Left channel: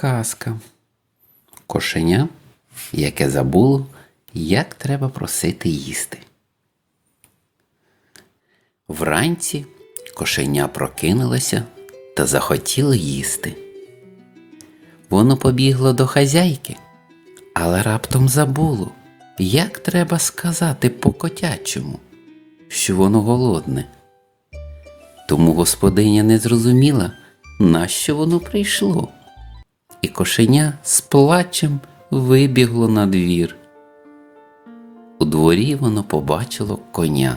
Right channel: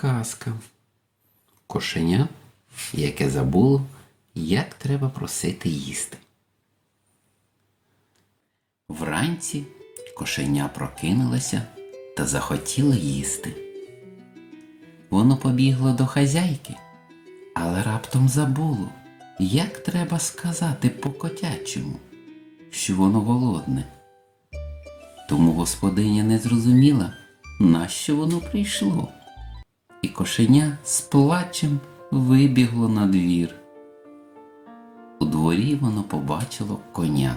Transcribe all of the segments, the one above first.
Казка. Кошеня, яке забуло, як треба просити їсти. Вранці кошеня прокинулося та захотіло їсти. Воно побігло до хазяйки, але раптом забуло, як треба сказати по котячому, що воно голодне. Тому господиня не зрозуміла, нащо воно прийшло. І кошеня з плачем вибігло на двір. У дворі воно побачило коня.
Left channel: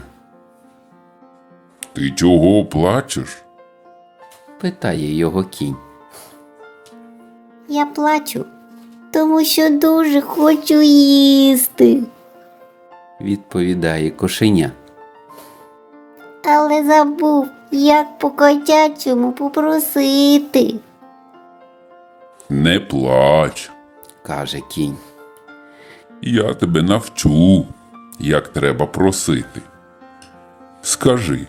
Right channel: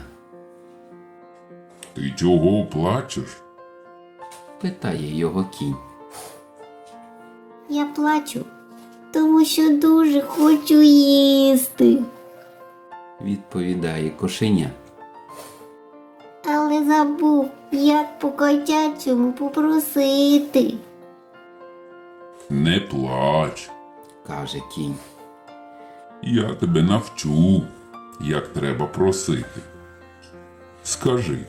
Ти чого плачеш? Питає його кінь. Я плачу, тому що дуже хочу їсти, Відповідає кошеня. але забув, як по котячому попросити. Не плач. каже кінь. Я тебе навчу, як треба просити. Скажи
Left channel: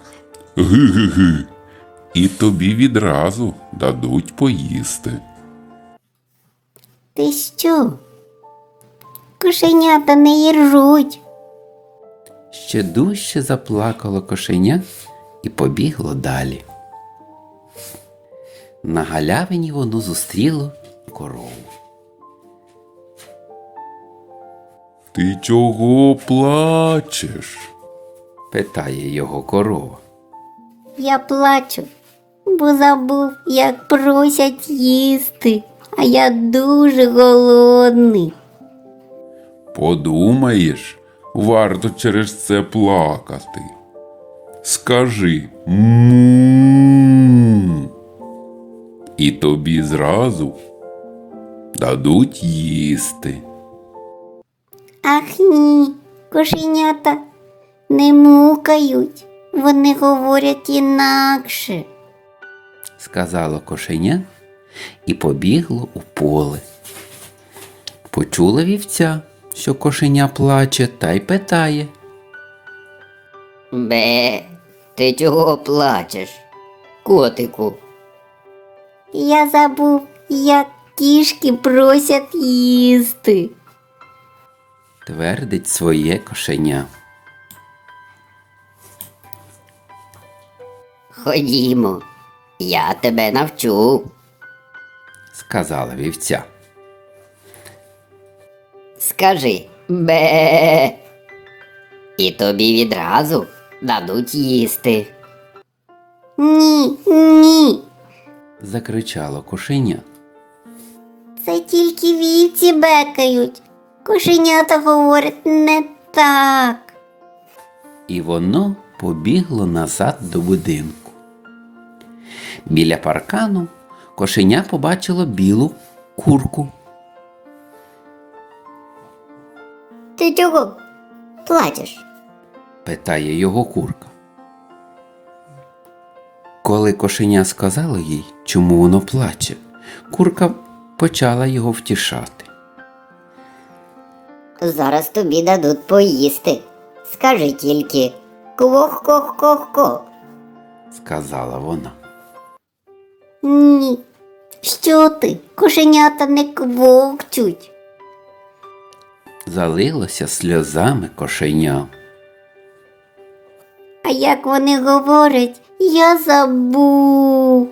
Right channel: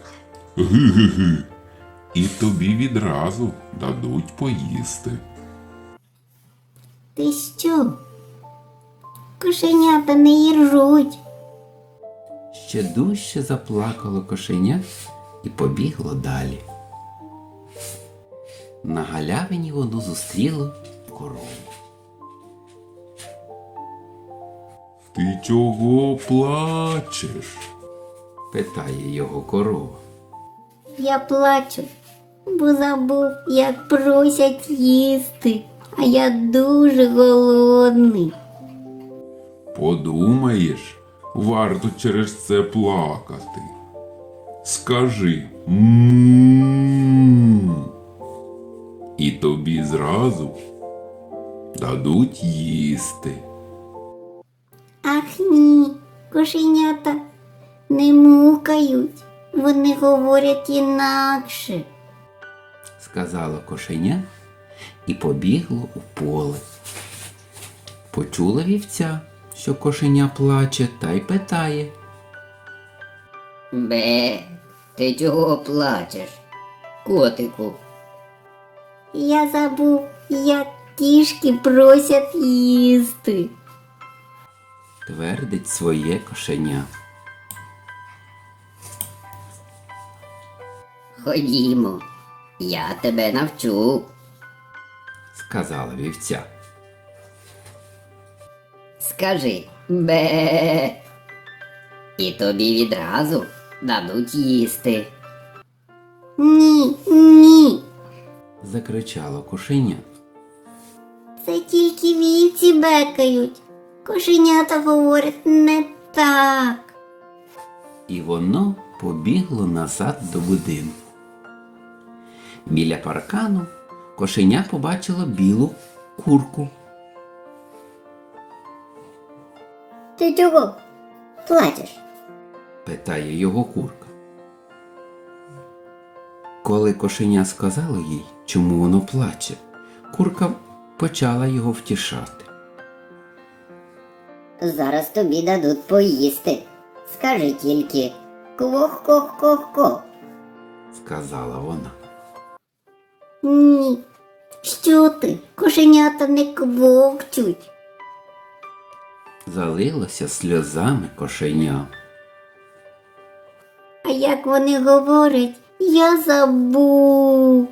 ги-ги-ги, і тобі відразу дадуть поїсти. Ти що? Кошенята не їржуть. Ще дужче заплакало кошеня і побігло далі. На галявині воно зустріло корову. Ти чого плачеш? Питає його корова. Я плачу, бо забув, як просять їсти, а я дуже голодний. Подумаєш, варто через це плакати. Скажи «М-м-м». і тобі зразу дадуть їсти. Ах ні, кошенята не мукають, вони говорять інакше. сказало кошеня і побігло у поле. Почула вівця, що кошеня плаче, та й питає. Бе, ти чого плачеш? Котику, Я забув, як кішки просять їсти. Твердить своє кошеня. ходімо, я тебе навчу. Сказала вівця. Скажи бе. І тобі відразу дадуть їсти. Ні, ні. Закричало кошеня. Це тільки вівці бекають. Кошенята говорять не так. І воно побігло назад до будинку. Біля паркану кошеня побачило білу курку. Ти чого плачеш? питає його курка. Коли кошеня сказало їй, чому воно плаче, курка почала його втішати. Зараз тобі дадуть поїсти. Скажи тільки кох-кох-кох-кох. сказала вона. Ні. Що ти? Кошенята не квокчуть. Залилося сльозами кошеня. А як вони говорять, я забув.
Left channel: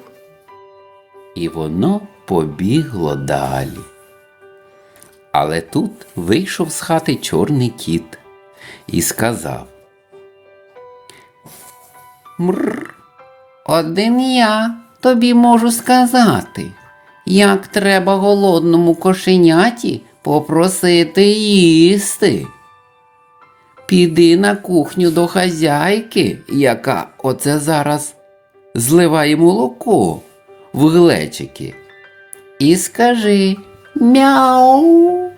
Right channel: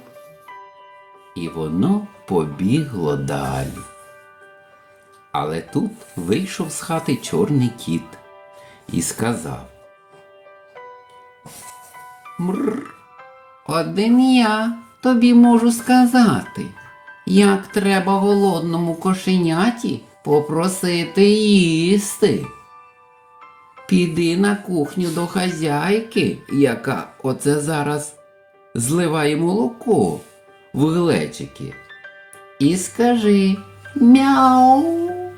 І воно побігло далі. Але тут вийшов з хати чорний кіт і сказав. Мр, один я тобі можу сказати, як треба голодному кошеняті попросити їсти. Піди на кухню до хазяйки, яка оце зараз зливає молоко в глечики. І скажи мяу.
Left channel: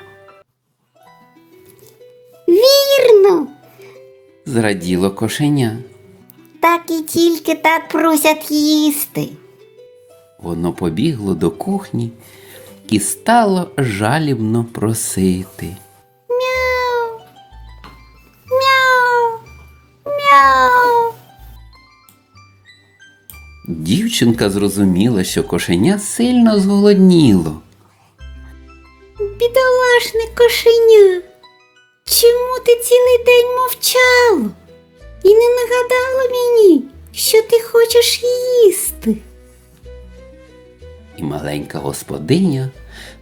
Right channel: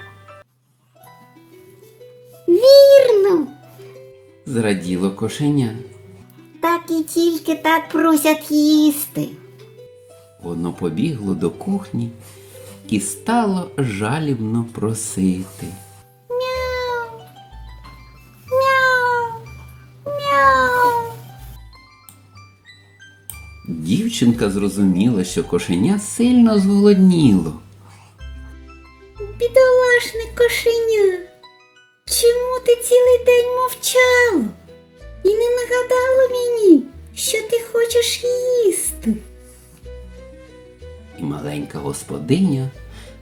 Вірно. Зраділо кошеня. Так і тільки так просять їсти. Воно побігло до кухні і стало жалібно просити. Дівчинка зрозуміла, що кошеня сильно зголодніло, бідолашне кошеня. Чому ти цілий день мовчала і не нагадала мені, що ти хочеш їсти? І маленька господиня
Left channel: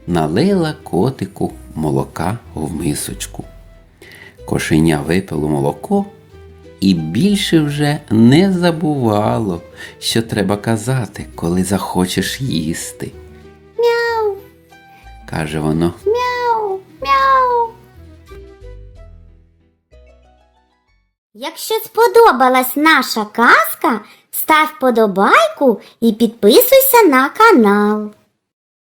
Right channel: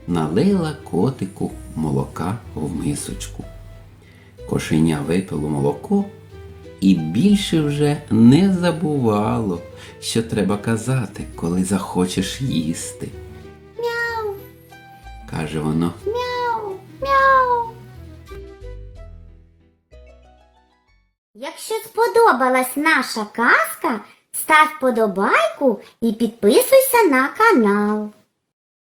налила котику молока в мисочку. Кошеня випило молоко і більше вже не забувало, що треба казати, коли захочеш їсти. Мяу, Каже воно. мяу, мяу. Якщо сподобалась наша казка, став подобайку і підписуйся на канал.